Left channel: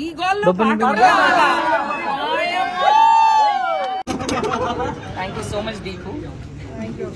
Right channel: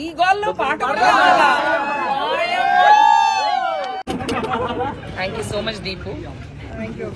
ఈ గోల్లో పాట కూడా thank you so much Deepu. Thank you.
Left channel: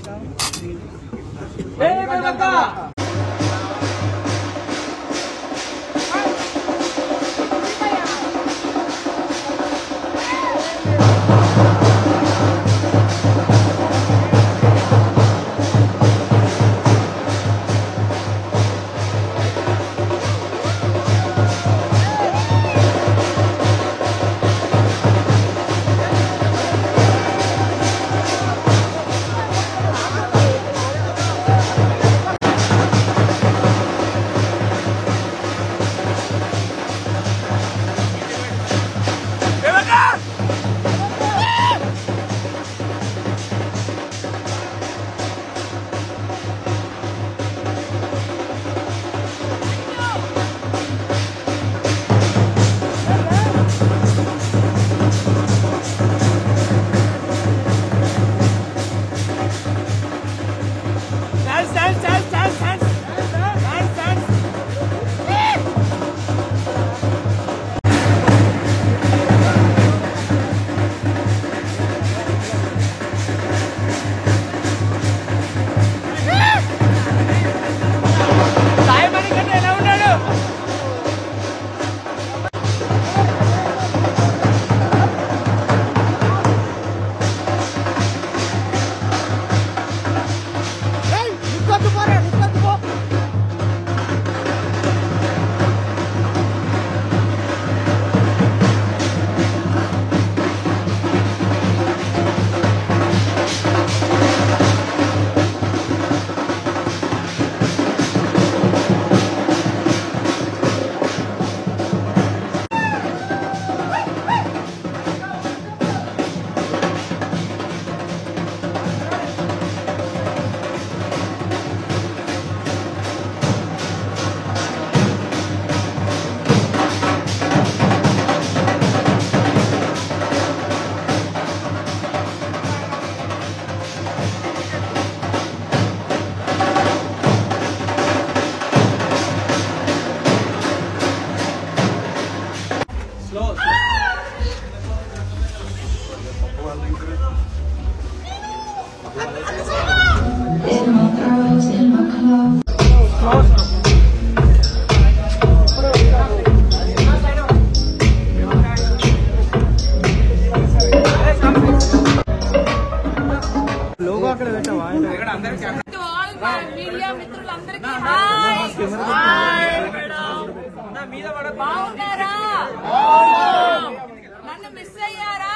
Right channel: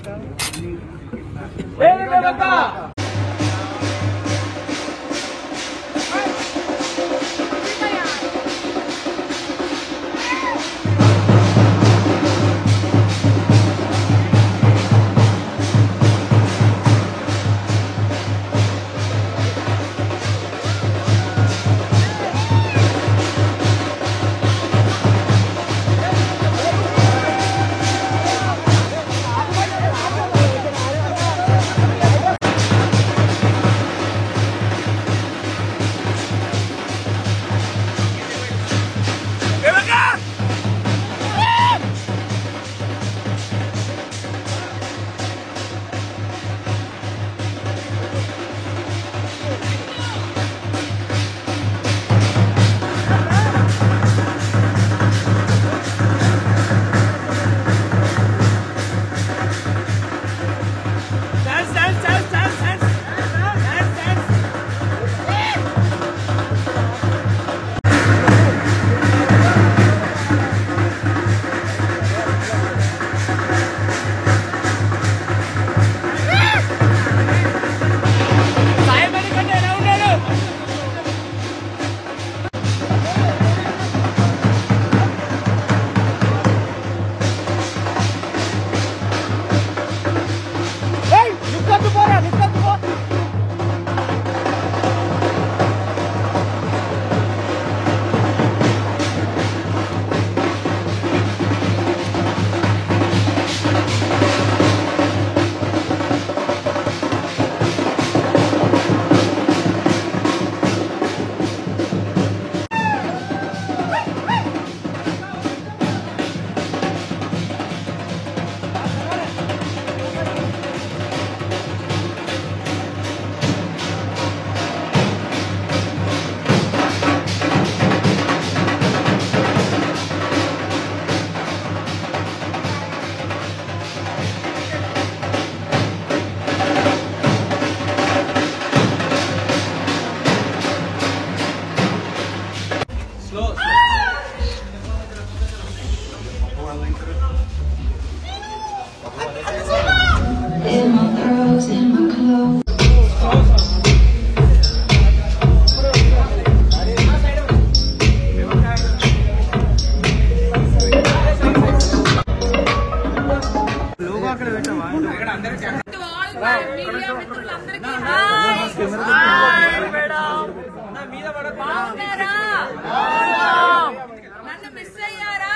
నన్ను మిస్ అయ్యారా?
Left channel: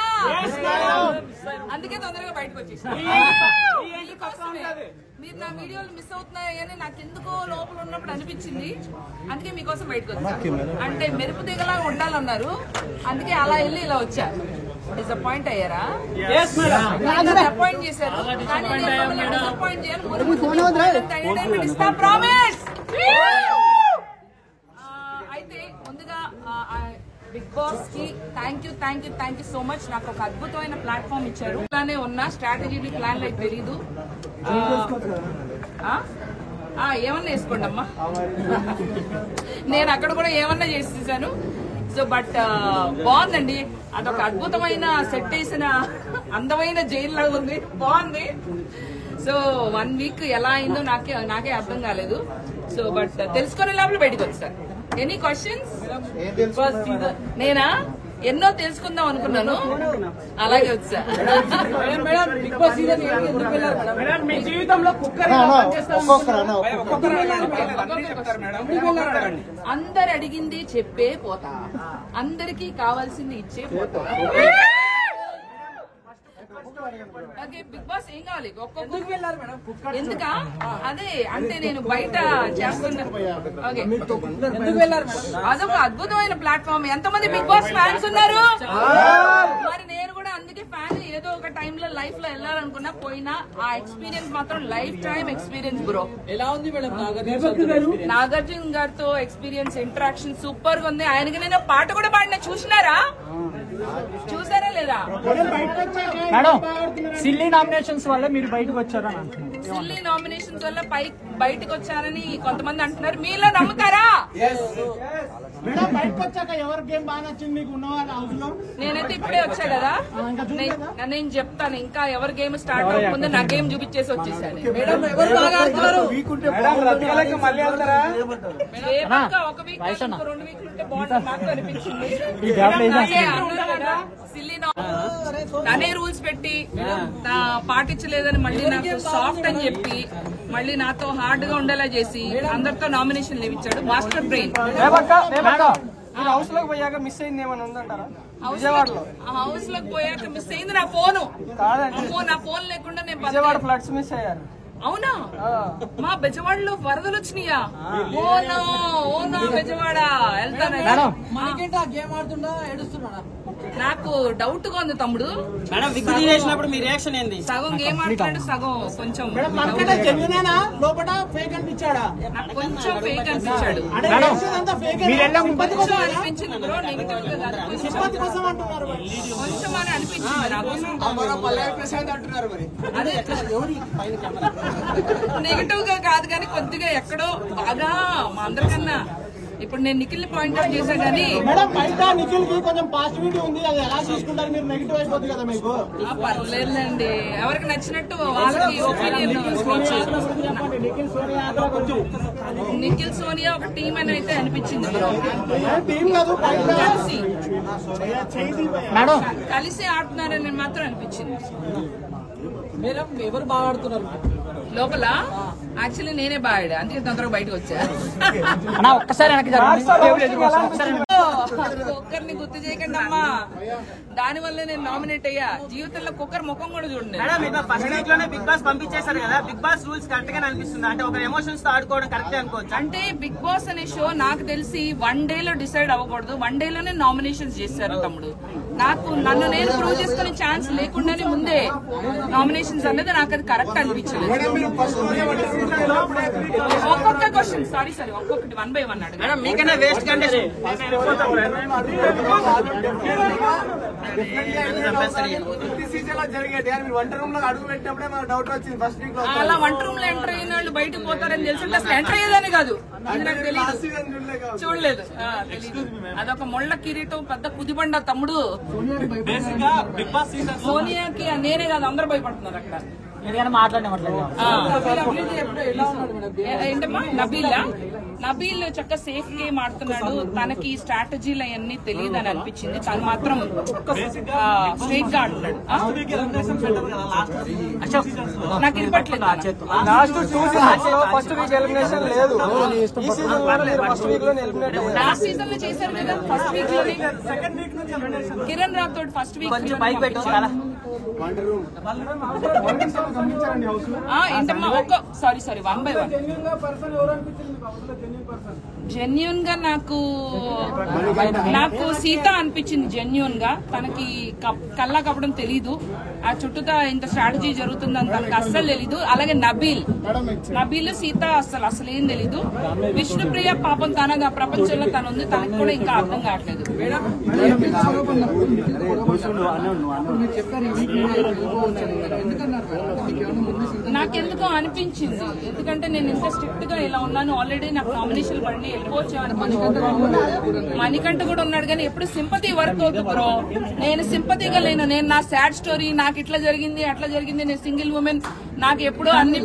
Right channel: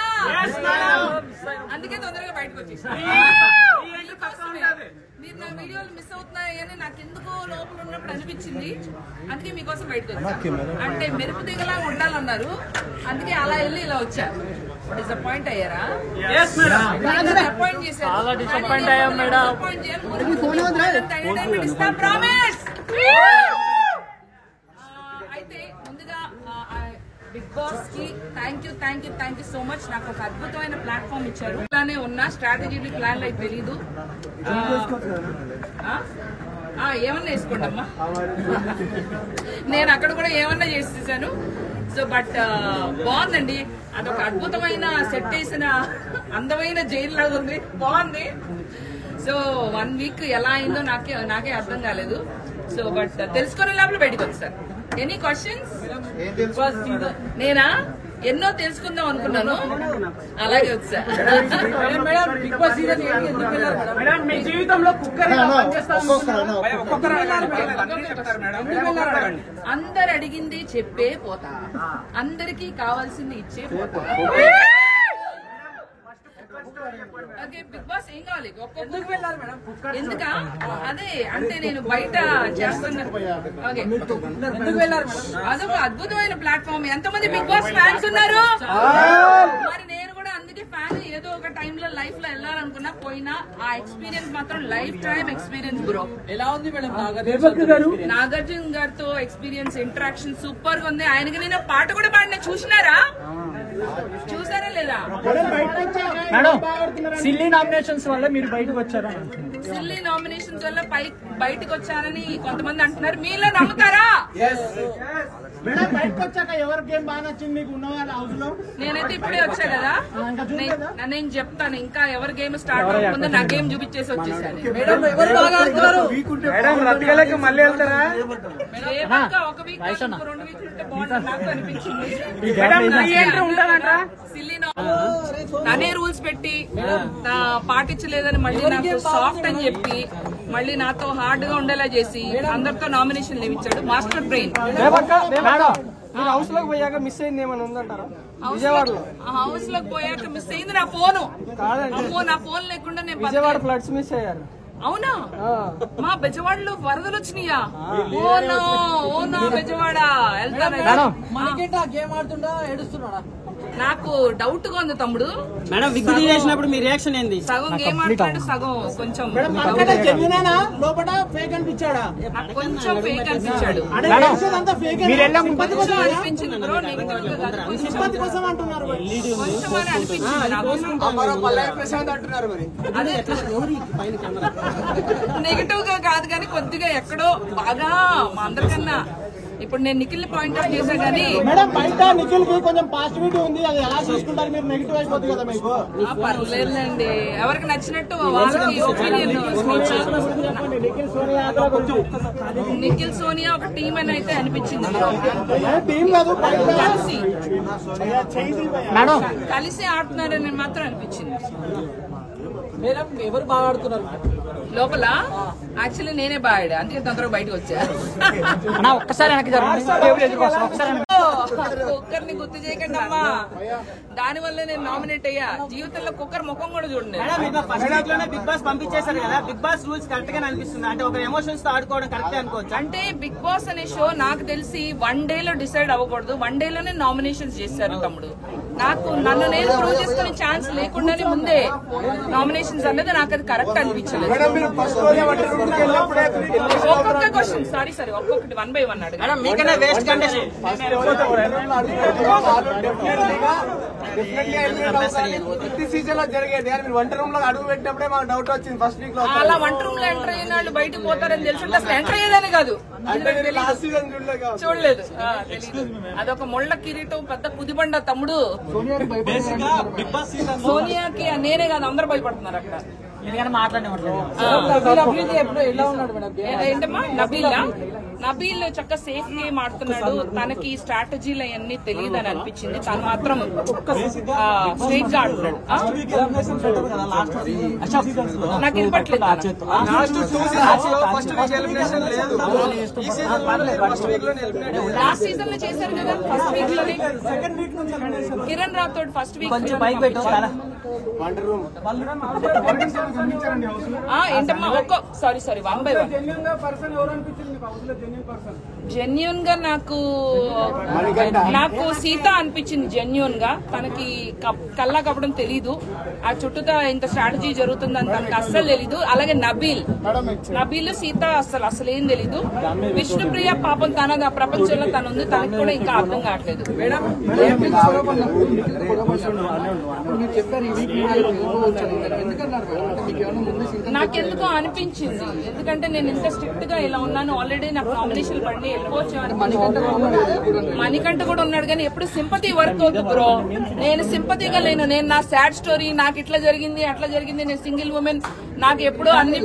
అందుకే తొందరగా బయటకు వచ్చేసి మీరు నా వీడియోలు మిస్ అవుతున్నాయని నాకు ఎందుకో లోపల ఉన్నప్పుడు అనిపించింది. అందుకే మీకోసం బయటకు వచ్చాను. అంటే మెరుపు దిగలా ఉండాలన్నారు, అందుకే అలా వెళ్ళి ఇలా వచ్చా. డిసప్పాయింట్ అయ్యారా? డిసప్పాయింట్ చేశారు. డిసప్పాయింట్ చేయాలి. ఇస్తా ప్రామిస్. అయితే ముందుగా బిగ్ బాస్ కి థ్యాంక్ యూ సో మచ్. నాకు ఒక అద్భుతమైన ప్లాట్ఫామ్ ఇచ్చారు. ఇలానే ఉన్న స్ట్రాటజీలు ప్లాన్లు అయితే తెలీదు. ఏమన్నా వేసుకోండి అమ్మా, నేను అక్కడ కూడా ఏమన్నా చేసేసాను. సో బట్ బాగుందండి. అదొక అద్భుతమైన సెట్ వేసిన అందమైన జైలు లాగా ఉంది, బాగుంది. సో 1 వీక్ ఎలా అయిందో నాకే అర్థం కాలేదు. సో బట్ తెలుసుకునే లోపల బయటకు వచ్చాను. Any questions? నేనా ఎన్నో తెలుసుకుందాం అనుకున్నాను, అలాగే వచ్చా. బిగ్ బాస్ సీజన్ మీ జీవితంలో అందరు అడిగింది చెప్పే పోతా, అందరికి కావాల్సింది ఇచ్చే పోతా. ఓకే బిగ్ బాస్ ఏం కావాలి? ఎందుకా? అదే అంటే నేను బయట చేస్తున్నాను. అదొక అద్భుతమైన ప్లాట్ఫామ్. ఎంతమంది బిగ్ బాస్ ఫ్యాన్స్ ఉన్నారు? మరి నేను కూడా అందుకే ఫ్యాన్. ఏదో ఒక టైంలో లైఫ్ లో వెళ్ళాలనుకున్నా, పోయినా ఆ ఎక్స్పీరియన్స్ మాత్రం లైఫ్ టైం ఎక్స్పీరియన్స్ బ్రో. ఎలా ఉంది మేడం? నాగార్జున గారితో ఎక్స్పీరియన్స్, ఇంటరాక్షన్ సూపర్ గా ఉంది. ఆయనకి నేను పాట కూడా పాడిన, చూసినారా? చూసారా లేదా? మేడం సిల్లీ నామినేషన్స్ వల్ల మీరు బయటకు వచ్చారా? సిల్లీ నామినేషన్స్ వల్ల బయటకు వచ్చారని కొంతమంది అంటున్నారు. మీలో నమ్ముతారా? బయటకు వచ్చాక ఎవరి గేమ్ బాగా నచ్చింది మీకు ఉన్నవాళ్ళ హౌస్ లో? నేనైతే ఇప్పుడే వచ్చా కదా, నేను చెప్తాను. ఇంకా ఎవరి గేమ్ స్టార్ట్ అవ్వకముందు నా గేమ్ చూపించేసి వచ్చేసాను. ఒక వీక్ 2 వీక్లు ఉంటే బాగుంటుంది నాకు అనిపించింది. తనే రూల్స్ పెట్టి పాటించలేదని మళ్ళీ నాకు సాఫ్ట్ అని చెప్పి మళ్ళీ నాతో హార్డ్ గా ఉండేలా చేసి అందరితో నామినేషన్ ఇచ్చాడు. Master brain. హౌస్ లోకి పోయాక మిస్ అయింది ఏమైనా ఉందంటారా? హౌస్ లోకి పోయాక మిస్ అయింది నా ఫోను. నా ఫోన్ లేకుండా నేను విజయవాడ ఫ్లడ్స్ మిస్ అయ్యారు. అవునా? మా బెజవాడలో వరదలు వచ్చినాయా? ఓనా బెజవాడ వెళ్తాను. గేమ్ ఆడుతుండా ఏడుస్తున్నాడా? నాకు డౌట్ గా ఉంది తమ్ముడు. చేసినప్పుడు మీ రియాక్షన్ ఏంది? సగం గేమ్ ఆడుతున్నాడు, సగం కొంచెం లోపల ఫేక్ అనిపించాడా? నాకు కొంచెం ఫేక్ అనిపించాడు. మీరు అనిపించింది బ్రో, నెగిటివ్ గా కాదు, కొంచెం అని అనిపించింది నాకు. అదే నెగిటివ్ గా కాదు కానీ కొద్దిగా ఎక్కడో బాగా మా అందరికన్నా ఇప్పుడు నేను నిఖిల్ పాయింట్ అవుట్ చేశా కానీ నిఖిల్ కి కొంచెం పాజిటివిటీ ఉంది. అది ఎలా తీసుకుంటారు మీరు? నెగిటివ్ అయిపోతుంది కదా మీకు. పర్లేదండి, ఎవరికి నచ్చినట్టు వాళ్ళకి ఒపీనియన్ స్పీచ్. నిఖిల్ సోనియా ఒక టీం అని అయితే అనిపించింది. కలిసి ఆడుతున్నారని మాత్రం అనిపించింది. ఎవరు బాగా ఆడుతున్నారు లోపల? యాక్చువల్లీ నేనే బాగా ఆడా, అందుకే తొందరగా బయటకు వచ్చా. ఒక్కసారి కుక్కర్ ని గుర్తు చేయకండి అమ్మా, దాని వల్ల నేను నామినేట్ అయ్యా. జీవితంలో కుక్కర్ ముఖం కూడా చూడండి. ఫస్ట్ వీక్ లోనే బిగ్ బాస్ పంపించేశారు కదా, బిగ్ బాస్ రూల్స్ కరెక్ట్ గా అనిపిస్తుంది? అంటే ఒక ఎమోషన్స్ తో ఆడుకోవడం కరెక్ట్ అనుకోవచ్చు? అంటే బిగ్ బాస్ అనే షో నాకు తెలిసి 1 day లో డిసైడ్ అవ్వకూడదు. 1 day లోనే నామినేషన్స్ చేశారు తమ్ముడు. నన్ను నేను ప్రూవ్ చేసుకునే ఛాన్స్ లేకుండానే ముందే నామినేషన్స్ అనేది నాకు అది కరెక్ట్ అనిపించలేదు. ఒక్కొక్క క్వశ్చన్ సారీ ఒక్కొక్కటి 1 by 1 అడుగు. మీకన్నా వేస్ట్ అలా వంట రూమ్ లో ఎంటర్ అయిన వాళ్ళు బయటకు పోతారని తెలిసి అసలు ఎంటర్ అయ్యేదని కాదు, ఇది నాకు తెలియదు, చూడలేదు, తెలీదు. అదొక ముళ్ళ కిరీటం పెద్ద కుదిబండ తమ్ముడు. సోనియాకి నేనే కాదు అందరూ భయపడుతున్నారు అక్కడ. ఏంటమ్మా నబీల్ చక్కగా సేఫ్ గేమ్ ఆడుతున్నాడు. తనకి స్ట్రాటజీలు అవన్నీ తెలియదు అని అనిపించింది. తను మాత్రం స్ట్రైట్ గా ఆడుతున్నాడు. నాకు వినపట్లేదు. లాస్ట్ సీజన్ లో చేశారు కదా, ఫస్ట్ వీక్ లోనే కిరణ్ రాథోడ్ ఫస్ట్ వీక్ ఏంటమ్మా సారీ 1 by 1. జెన్యూన్ గా నాకు సీత అనిపించింది. జెన్యూన్ గా తనకి కల్లా కప్పడం తెలీదు. ఆ చుట్టూతా ఇంత స్ట్రాటజీ జరుగుతుందని తనకి అస్సలు తెలీదు. అలాగే నబీల్ సీత అసలేం తెలీదు. విష్ణుప్రియ పాపం తన ప్రపంచంలో తను ఉంది, తనకి కూడా ఇంకా అర్థం కావట్లేదు. నాకెందుకో అనిపించింది, ఎందుకంటే నేను ఇంత స్ట్రిక్ట్ గా ఇలా ఉన్నాను. ఆల్రెడీ నాకు నామినేషన్ పడి వెళ్ళిపోవచ్చు. మణికంఠ కూడా ఉన్నాడు కానీ ఎప్పుడు సింపతి వర్క్ అవుతుంది బ్రో. నేను సింపతిగా లేను. నేను నా సాడ్ స్టోరీ, నాకు ఇట్లా జరిగింది అట్లా జరిగింది, నేను సింగిల్ ఉమెన్, నాకు ఎప్పుడు అన్ని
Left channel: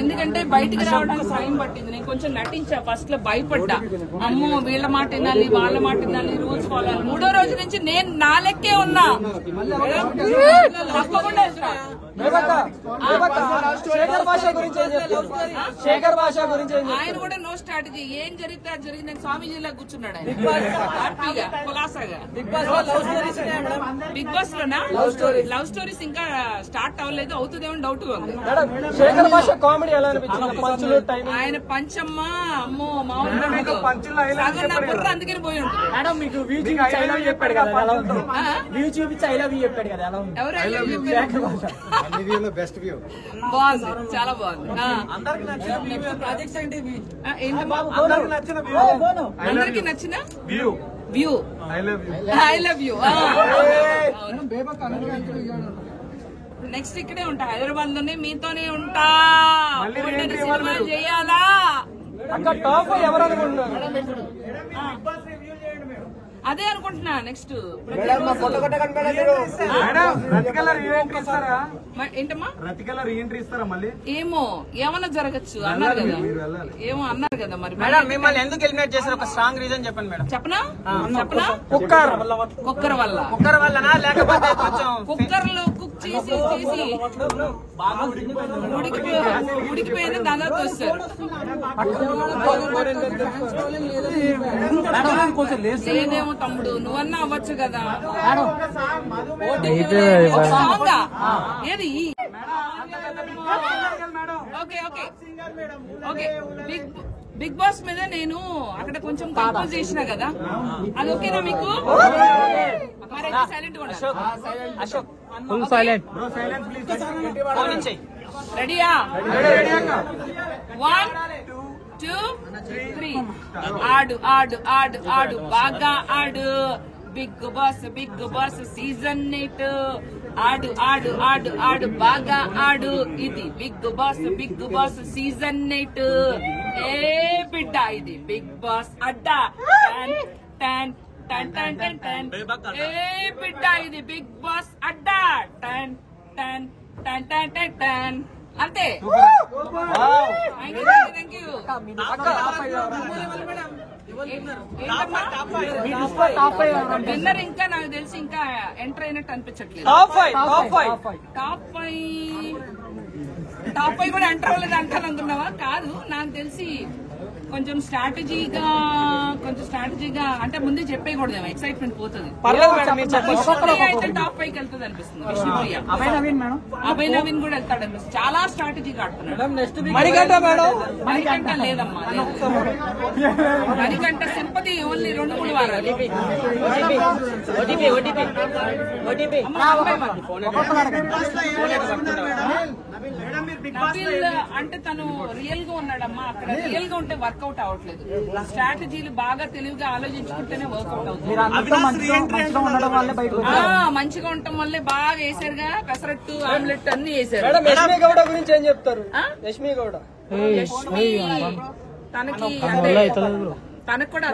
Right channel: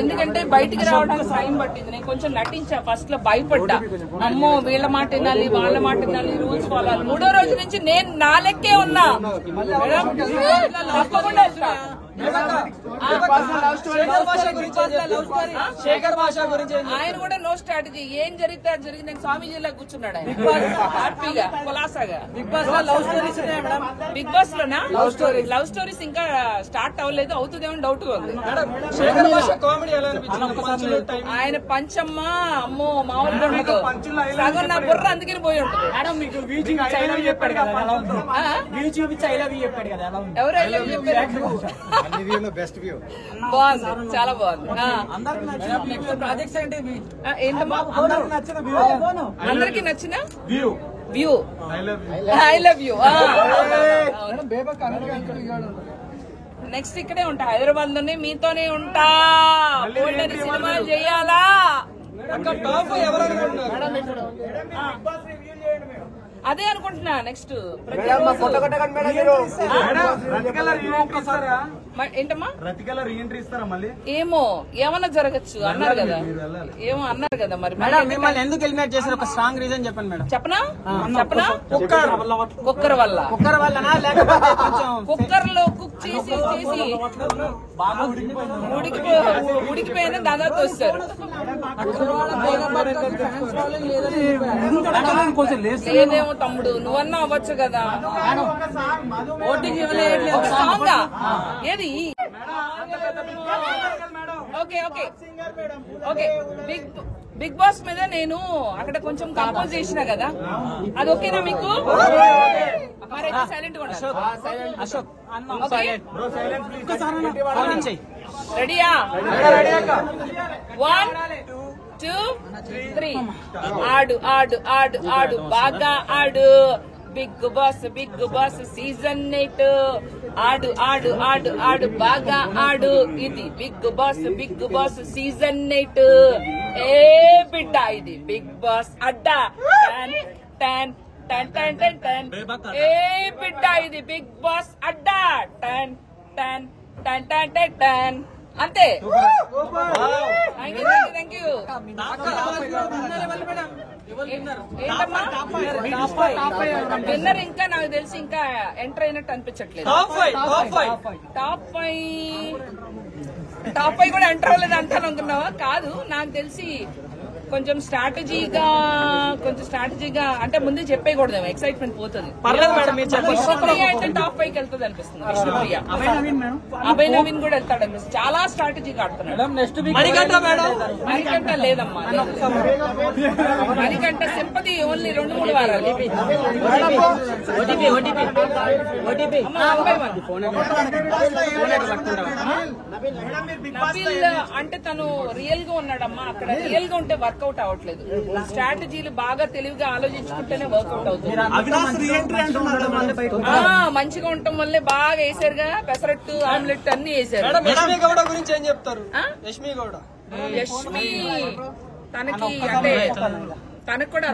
ఎందుకంటే బయటికి రావడానికి టైం పట్టింది. నేను కొంచెం నటించా. ఫస్ట్ లో భయపడ్డా, అమ్మో వీళ్ళ మాట వినాలి వాళ్ళ మాట వినాలి, రూల్స్ ఫాలో అవ్వాలి. 3వ రోజు నుంచి నేను నా లెక్కే ఉన్నా, తప్పకుండా వెళ్తా. ఆయన కూడా నో స్ట్రాటజీ, ఏం జరిగితే అది జరిగింది. నేను స్వామీజీలా కూర్చున్నాడు ఆయన హ్యాపీగా కులాసాగా. బిగ్ బాస్ లోనా లవ్ స్టోరీస్ ఇంకా స్టార్ట్ అవ్వలేదు, అవుతుందేమో డౌట్ గా ఉంది. ఆయన పంచమ్మ అమ్మో మామూలు సగం నా బుర్ర అందుకని పోయి ఉంటుంది. ఎవరు బాగుంది, చాలా బాగుంది. ఏంటమ్మా అందరికి నచ్చిన view I love you. Next ఇక్కడే ఉంటా, హైదరాబాద్ లోనే మీతోనే ఉంటా. సినిమా చేయాలా అక్కడ టాప్ ఎవరు అనుకుంటున్నారు? అదే అనుకుంటున్నా. నెక్స్ట్ ఏంటమ్మా ఏమో ఏమన్నా జరగచ్చు అన్నారు కదా, ఏమో అన్నారు కదా. మరి ఎందుకు ఎలిమినేట్ చేశారు? ఒక స్ట్రాంగ్ రీజన్ చెప్పండి మేడం. చెప్పనా కుక్కర్ వల్ల. కుక్కర్ లో కుక్ చేసి ఉడికిపోయిన దాదాపు వస్తారు. లేదేమో తమ్ముడు, నువ్వన్నా అవ్వచ్చు కదా. ఒక సాంగ్ ఏది? Okay okay okay. Bigg Boss మీద నేను అక్కడ కొంచెం కంపోజ్ చేసినా కదా, అది ఓకేనా మీకు? మరైతే సైలెంట్ గా ఉండాలి. రెడీయా? 1 2 3. ఆడు ఆడు ఆడు ఆడు బాగా ఆడు. బిగ్ బాస్ సీజన్ 8. ఆడు ఆడు ఆడు ఆడు బాగా ఆడు. ఇది బిగ్ బాస్ సీజన్ 8. ఏ బిడ్డ ఇది బిగ్ బాస్ అడ్డా. టన్ టన్ టన్ టన్ టన్. ఏ బిడ్డ ఇది బిగ్ బాస్ అడ్డా. టన్ టన్ టన్ టన్ టన్ టన్. అంతే. Thank you. ఏంటమ్మా విన్నర్? ఇంకా నాకు తెలిసి ఇంకా ఎంటర్ అయినట్టు అనిపించట్లేదు. టాప్ 5 కూడా ఎంటర్ అవ్వలేదు అంటాను అనుకున్నావా? కాదు, నాకు తెలిసి కొంచెం స్ట్రాటజీగా అంటే ముందే చెప్పేయకూడదేమో, ఎక్సైట్మెంట్ పోతుంది. విష్ణుప్రియ అయితే టాప్ 5కి వెళ్తుంది అనిపిస్తుంది. విష్ణుప్రియ, అభయ్ నవీన్ కూడా వెళ్తాడు అనిపిస్తుంది. చాలా స్ట్రాటజీగా ఆడుతున్నాడు. మణికంఠ లేదమ్మా, లేదు. మణికంఠ సింపతి ఓన్లీ 2-3 వారాలు. నబీల్ అంటే తను రియల్ గా ఉన్నాడమ్మా. అక్కడ రియల్ గా ఉంటే వర్కౌట్ అవ్వట్లేదు. స్ట్రాటజీలు బాగా తెలివిగా ఆలోచించుకుంటేనే వర్కౌట్ అవుతుంది. మంచిగా ఉండటం వల్లే బాగా వేసారుగా. పెసరట్టు, ఆమ్లెట్ అన్ని వేసారు. గురించి ఏం చెప్తారు? యష్మి తనకి అంటే తనకు కూడా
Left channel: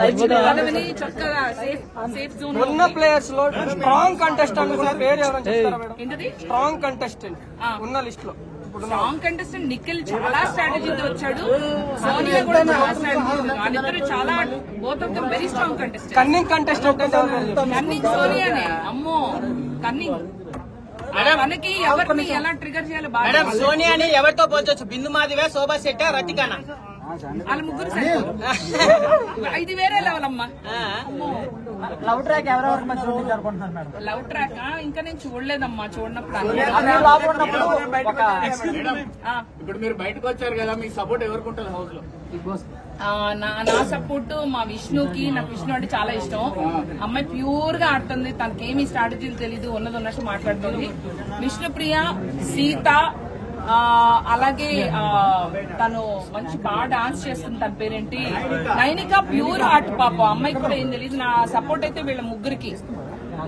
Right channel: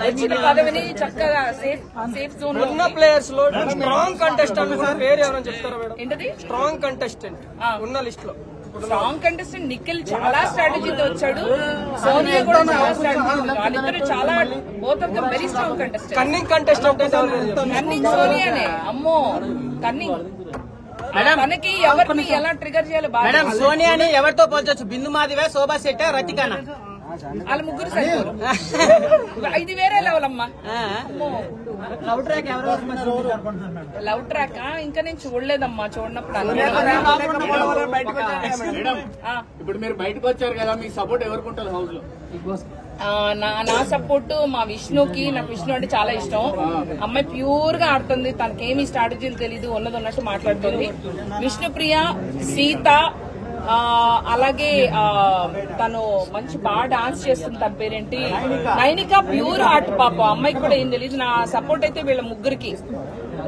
వచ్చిన పదవిని చక్కగా సేఫ్ జోన్. ఉన్న ప్లేయర్స్ లో స్ట్రాంగ్ కంటెస్టెంట్ పేరు ఎవరైనా చెప్తారా మేడం? ఏంటది స్ట్రాంగ్ కంటెస్టెంట్ ఉన్న లిస్ట్ లో? స్ట్రాంగ్ కంటెస్టెంట్ నిఖిల్ చాలా స్ట్రాటజీతో వచ్చాడు. సోనియా కూడా చాలా స్ట్రాటజీ. వాళ్ళిద్దరు చాలా both of them very strong contestant. Cunning contestant అంటే కన్నింగ్ సోనియానే. అమ్మో కన్నింగ్. తనకి ఎవరిని ఎలా ట్రిగర్ చేయాలి బాగా. సోనియాని ఎవరితో పోల్చొచ్చు? బిందు మాదిగా, శోభా శెట్టి, రతికానా? వాళ్ళ ముగ్గురు సరిపోరు. 5 వేరే లెవెల్ అమ్మా. అమ్మో లవ్ ట్రాక్ ఎవరెవరికి మధ్య అనుకుంటున్నారు మేడం? లవ్ ట్రాక్ ఇంకా నేను చూడలేదమ్మా. చూడనప్పుడు ఇప్పుడు మీరు బయటకు వచ్చారు కదా, మీ సపోర్ట్ ఎవరికి ఉంటుంది హౌస్ లో? నా సపోర్ట్ మా విష్ణుకి. నాకు విష్ణు అంటే చాలా ఇష్టం. అమ్మాయి ప్యూర్ గా ఆడుతుంది. తనకేమి స్ట్రాటజీలు తెలీదు, ఉన్నది ఉన్నట్టు మాట్లాడుతుంది. విష్ణుప్రియ, సీత, అలాగే తను మంచి బాగా డాన్స్ చేస్తుంది. తన పేరేంటి? నైనిక ప్యూర్ హార్ట్ పాప. అమ్మాయికి కూడా ఏం తెలియదు. నా సపోర్ట్ అయితే వీళ్ళ ముగ్గురికి.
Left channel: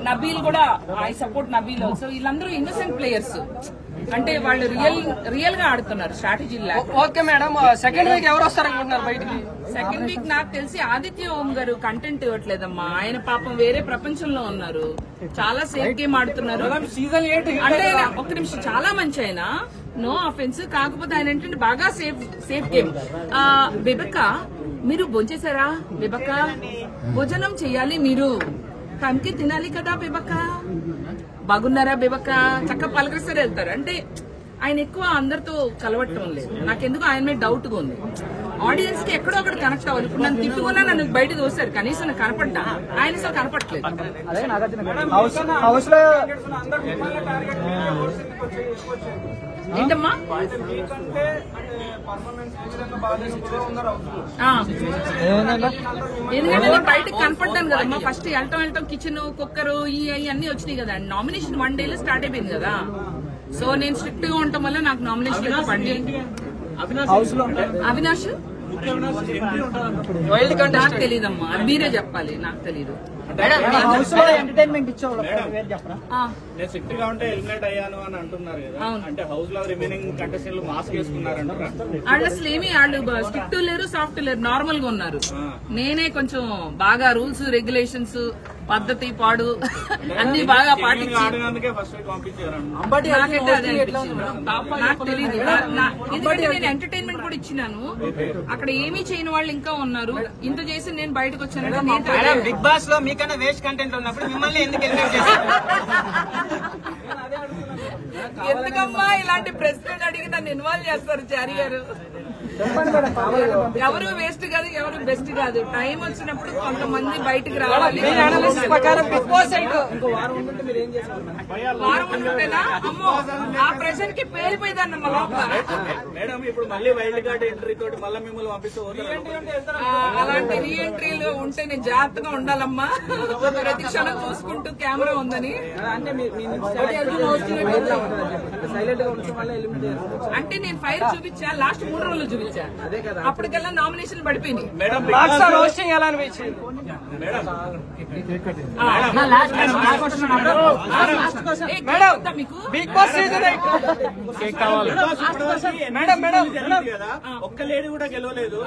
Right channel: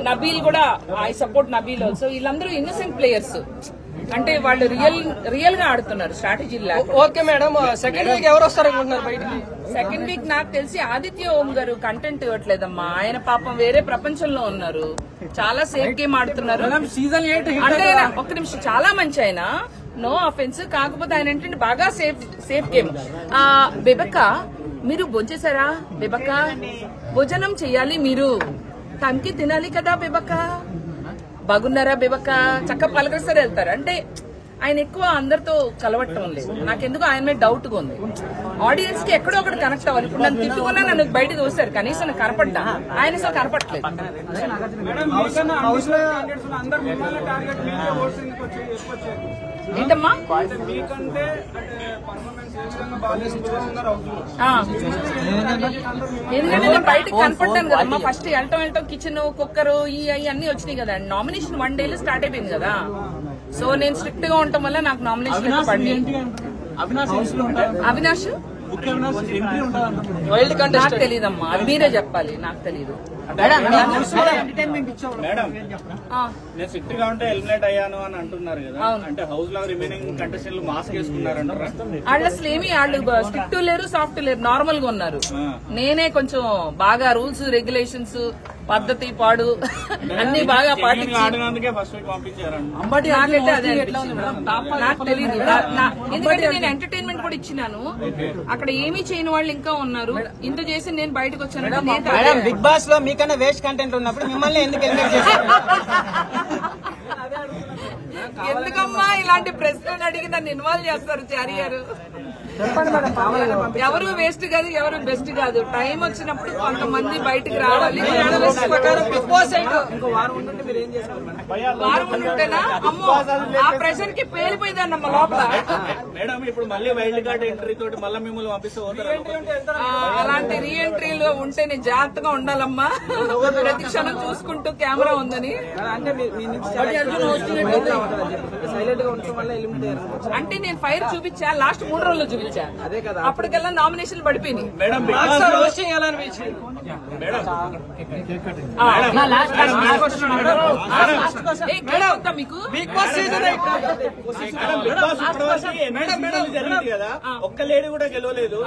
నబీల్ కూడా ఐ సపోర్ట్ నబీల్ ఆల్సో. వీళ్ళందరూ ఇన్నోసెంట్ ప్లేయర్స్. అంటే వాళ్ళు రియల్ గా ఆడుతున్నారు strategy. Okay madam, second week ఎవరు వస్తారనుకుంటున్నారు బయటికి? సెకండ్ వీక్ నాకు తెలిసి ఆదిత్య ఓం గారు కంటెంట్ ఇవ్వట్లేదమ్మా. ఆయన పాపం వేరే ప్రపంచంలో ఉన్నారు. చాలా సేఫ్ గేమ్ ఆడుతున్నారు. అంటే ఒక్క నిమిషం, చాలా మంచి ఆయన, నో అఫెన్స్. కాకపోతే ఆయన ఏంటంటే బాగా సేఫ్ గేమ్. బెబక్క మీరు భోంచేశారా? బెబక్క భోజనం చెయ్యాలి, మీరు టైంకి తినాలి కదా బెబక్క. బాగున్నారా బెబక్క? చక్కగా పలకరిస్తారు, వెళ్తారు. అంటే ఆయన ఎక్కువ అందరితో కలవటం లేదు. నాకెందుకు ఆయన మీద డౌట్ గా ఉంది. ఆడియన్స్ కి ఎక్కడో ఒకటి కనెక్ట్ అవ్వాలి. ఇప్పుడు నన్ను తిట్టుకున్నా నన్ను బయట చూస్తారు, కనీసం నాకు కనపడ్డా. ఆయన అసలు కనపట్లేదు. ఏంటమ్మా? ఎందుకంటే నేను బయటకు కనపడ్డాను కదమ్మా. ఫస్ట్ వెళ్ళటం కిచెన్, కుక్కర్ అన్ని వచ్చినాయి కదా. నామినేషన్ 1 డేలో స్టార్ట్ అయిపోయింది కదా. సో నేను స్ట్రిక్ట్ గా ఉండటం వల్ల నాకు నామినేషన్ ఎక్కువ పడి. అవినాష్ వైల్డ్ నాకు కంటెస్టెంట్ తెలీదమ్మా, అది మీరే చెప్పాలి, నాకు తెలీదు. హౌస్ లో ఎంటర్టైన్మెంట్ ఇచ్చావు నేను సిట్ గా ఉంటే ఎలిమినేట్ అయ్యాను అని అంటున్నారు కదా, అంటే హౌస్ లో రిమైనింగ్ కంటెస్టెంట్లు మాస్క్ వేసుకున్నారంటారా? వాళ్ళు అసలు ఏమి, వాళ్ళు స్ట్రిక్ట్ లేరు, సాఫ్ట్ లేరు, నార్మల్ గా ఉన్నారు. నేనే కొంచెం బాగా రూల్స్ రెగ్యులేషన్స్ పద్ధతి పాడు అన్ని బాగా పాటించి ఆడినందుకే ఫస్ట్ వీక్ పంపించారు. నాకైతే అదే అనిపించింది. నాకు తెలీదు, ఎందుకంటే నేను ఎంటర్టైన్మెంట్ కూడా ఇచ్చినాను. అక్కడ ఏమీ చేయని వాళ్ళు ఇంకా ఉన్నారు. ఇంత చేసి నేను బయటకు వచ్చానంటే నేను బిగ్ బాస్ లో మీకన్నా వేస్ట్ కంటెంట్ ఉన్నప్పుడు మిమ్మల్ని ఎందుకు ఎలిమినేట్ చేశారు? ఎందుకమ్మా ఇలాంటి ప్రశ్నలు అడిగి నన్ను ఇన్వాల్వ్ చేస్తారు చారి గారు? ఎవరు వేస్ట్ కాదు, ఎవరు బెస్ట్ కాదు. టైం వచ్చినప్పుడు కొంతమంది బయటకు రావాలి. బిగ్ బాస్ ఇంకో వారం ఉంటే మీరు ఏం చేస్తారు? వారం ఉంటేనా అమ్మో ఆ ప్రెషర్ కి పేలిపోయిందన్నమ్మ లోపల. మేడం ఇప్పుడు మళ్ళీ వైల్డ్ కార్డ్ ఎంట్రీ తోటి మళ్ళీ మిమ్మల్ని పంపిస్తే పోతారు. అలాంటి రీఎంట్రీలు ఉంటే నేను జాగ్రత్తగా ఉండాలమ్మా, ప్రతి క్షణం చూసుకుంటూ కెమెరా ఉందని. అంటే సైలెంట్ గా ఉండటం వల్ల ఎలిమినేట్ అయ్యారు. అంటే నేను ఫైర్ చూపించా, లాస్ట్ 3 రోజుల్లో చూపించా. అప్పటికల్లా నామినేషన్లు పడిపోయినాయి. రోస్టింగ్ ఎలా అనిపించింది? మీకు బిగ్ బాస్ సీజన్ కదా, ఒక్క లేడీ కూడా గెలవలేదు.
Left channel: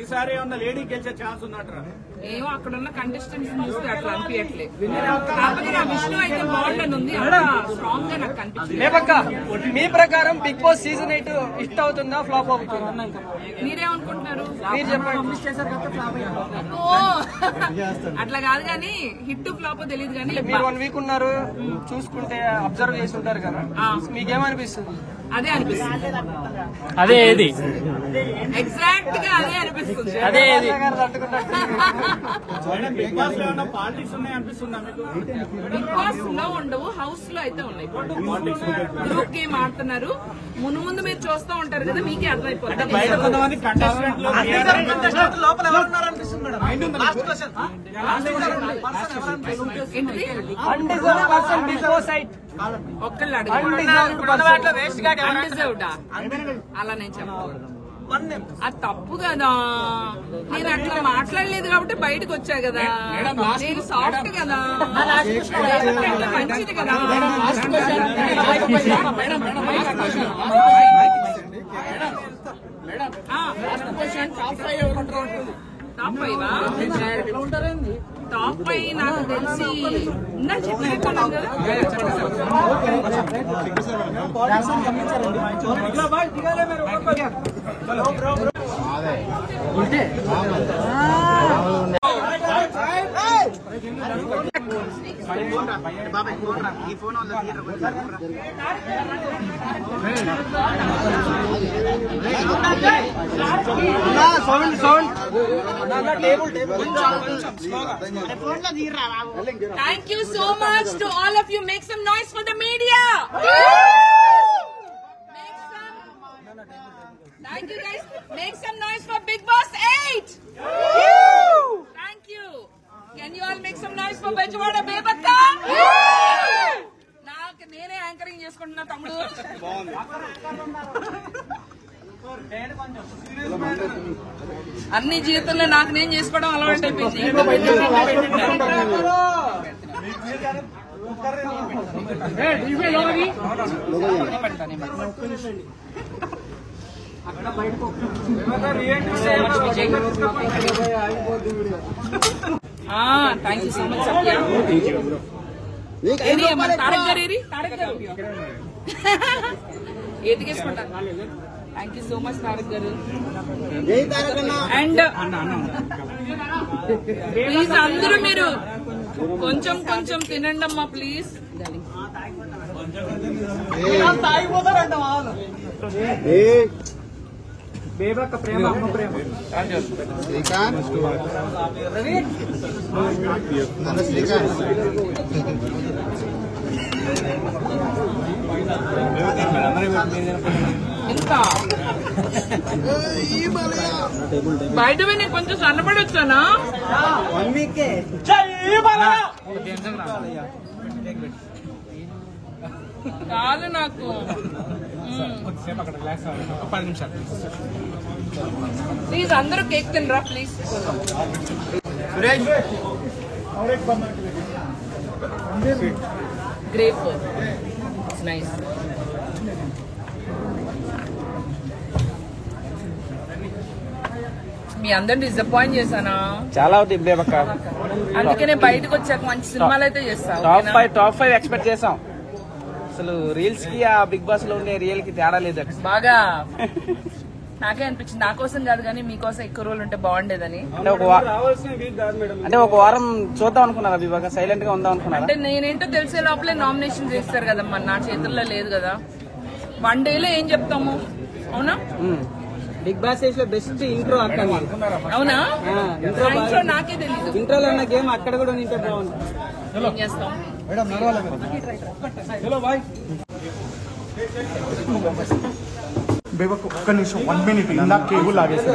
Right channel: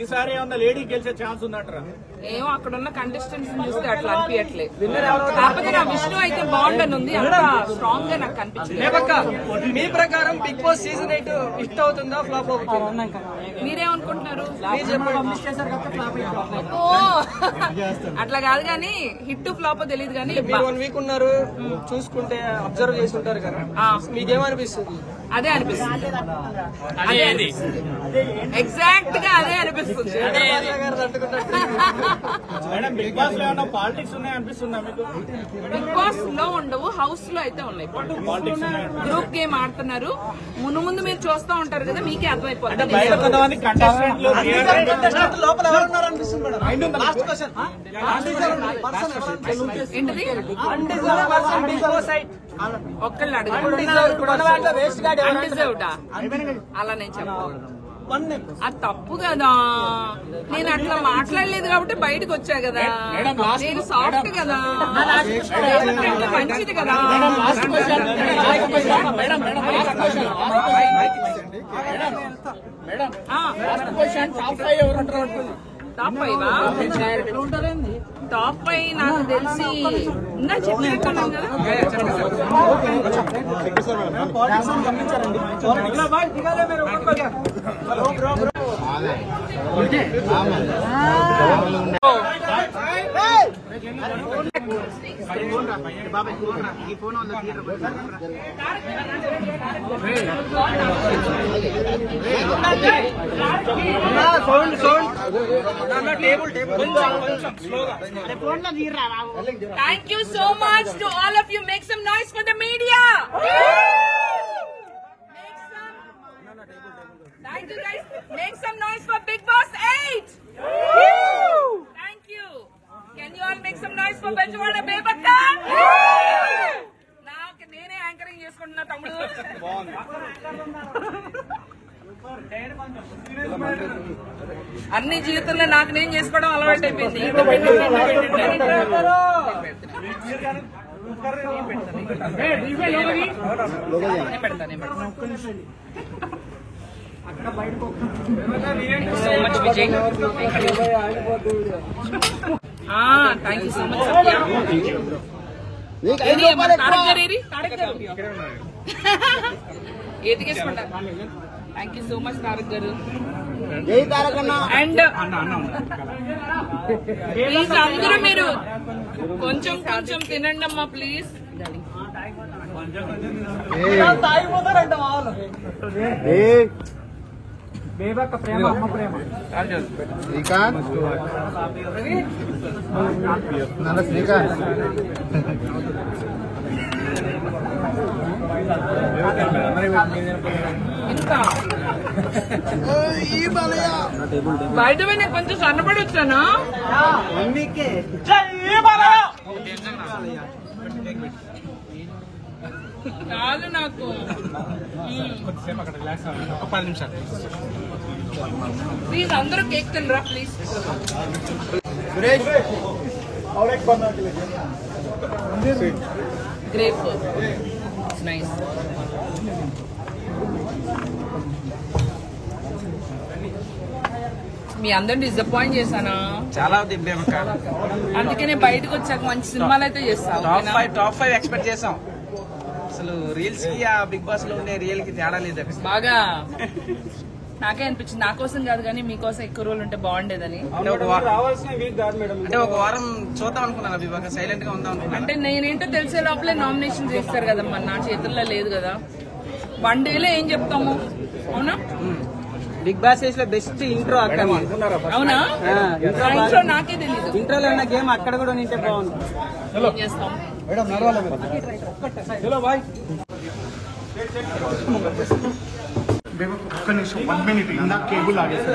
ఈసారి ఏమన్నా లేడీ గెలిచే ఛాన్స్ ఉందంటారా? ఏమో అక్కడ ఉన్న కంటెస్టెంట్స్ చూస్తే అట్లా అనిపించట్లే. కాకపోతే నా విష్ణు అయితే బాగుండని ఉంది, అంత స్ట్రాంగ్ గా నాకు కనిపించింది. మీ ప్రకారం బిగ్ బాస్ సీజన్ 8 హిట్ అవుతుందా, ఫ్లాప్ అవుతుందా? మీరేమనుకుంటున్నారు? మీరు చెప్పండి. అట్లా కాదు కానీ హిట్ ఫ్లాప్ తెలియదు కానీ మీరు 1 వీక్ ఉన్నారు, చూసుకుంటే అబ్జర్వ్ చేసి ఉంటారు కదా, మీకేమనిపిస్తుంది? అదే అనిపిస్తుంది. ఎగ్జాక్ట్ గా అదే అనిపిస్తుంది. బిగ్ బాస్ లో ఏమన్నా పాలిటిక్స్ ఉన్నాయి అనిపిస్తుందా మీకు? బిగ్ బాస్ లో ఉండవు, హౌస్ లో అయితే ఉన్నాయి. గ్రూప్ గేమ్ ఆడుతున్నారు. ముందు మీరు చూస్తూ ఉంటారు కదా, మీకే అర్థమైపోతుంది. లోపల ఎవరు ఉన్నారు అనిపిస్తుంది మేడం? Last question. ఏంటిది? బిగ్ బాస్ ఒక్కళ్ళు అడిగిజర్వ్డా అలా నేను చెప్పకూడదు, అది తప్పు కదా. నేను అట్లా మాట్లాడలేదు కాబట్టి బయటకు వచ్చా కదా. నేను సాఫ్ట్ కదా, మంచిది కదా. టాప్ 5 టాప్ 5 నాకు తెలిసి ఇంకా చెప్పినట్టున్నాం కదా. Thank you so much to all of you. Make some noise for the media. Thank you guys. Make some noise for Big Boss 8. Thank you. Can you all make some noise for Bejwada Bebakka? నాకు నేనే anchoring చేసుకుంటున్నా తమ్ముడు. అన్ని జీవితంలో నాకు నేను చేసుకోవడం అలవాటు అయిపోయింది. Thank you so much Satya. ఏది మన తారక్ గారు, ఏది తారక్ గారు ఎదిగేసుకుంటా. Thank you so much Tarak garu. And please అందరూ మీరు కొంచెం కొంచెం తినండి అమ్మా ప్లీజ్. బేబక్క ప్రేమ, అమ్మ ప్రేమ. ఇంకా బయట నేను కొంచెం సన్నపడి వచ్చానా? చాలు నాకు. కొద్దిసేపు అక్కడ రిలాక్స్ అవ్వండి. ఒక 10 నిమిషాలు ప్లీజ్ అందరూ కేక్ తినరా ప్లీజ్. Grape it's nice. మీ అందరిని డిసప్పాయింట్ చేశానా? చాలా దిబ్బేమక్క. అందుకనే బయటకు వచ్చాక మంచి సినిమాలు అయితే చేస్తావు. టాప్ 5 ఎక్స్పెక్ట్ చేసాం. అసలు రీల్స్ కి ఆ బిగ్ బాస్ లో ఉండే రియల్ కి తేడా లేదు. బాగా నాకే అనిపించింది. నా కోసం కాదు కానీ మీకోసం ఎక్కువ రోజులు ఉంటే బాగుండేదని. అంటే ఒక వారం చూద్దాం అనుకున్నారా విభాగ? సైలెంట్ గా ఉందాం అనుకున్నా. అంటే నేనేంటో తెలిసే లోపలే నామినేషన్ చేస్తారు కదమ్మా. నా చేతుల్లో లేదు కదా. 1 డేలో ఏం చెప్తాము? అవునా? బిగ్ బాస్ లో బెస్ట్ ఇంట్రో అవునా? నా ఇంట్లో నాకే తెలీదు. ఇంట్రోలో ఉన్న గేమ్ అక్కడ కూడా ఉంటే బాగుంది. ఏం చేస్తాం? ఒక్క నిమిషం 1 మినిట్. ఇందాక కేబుల్ ఆగేసి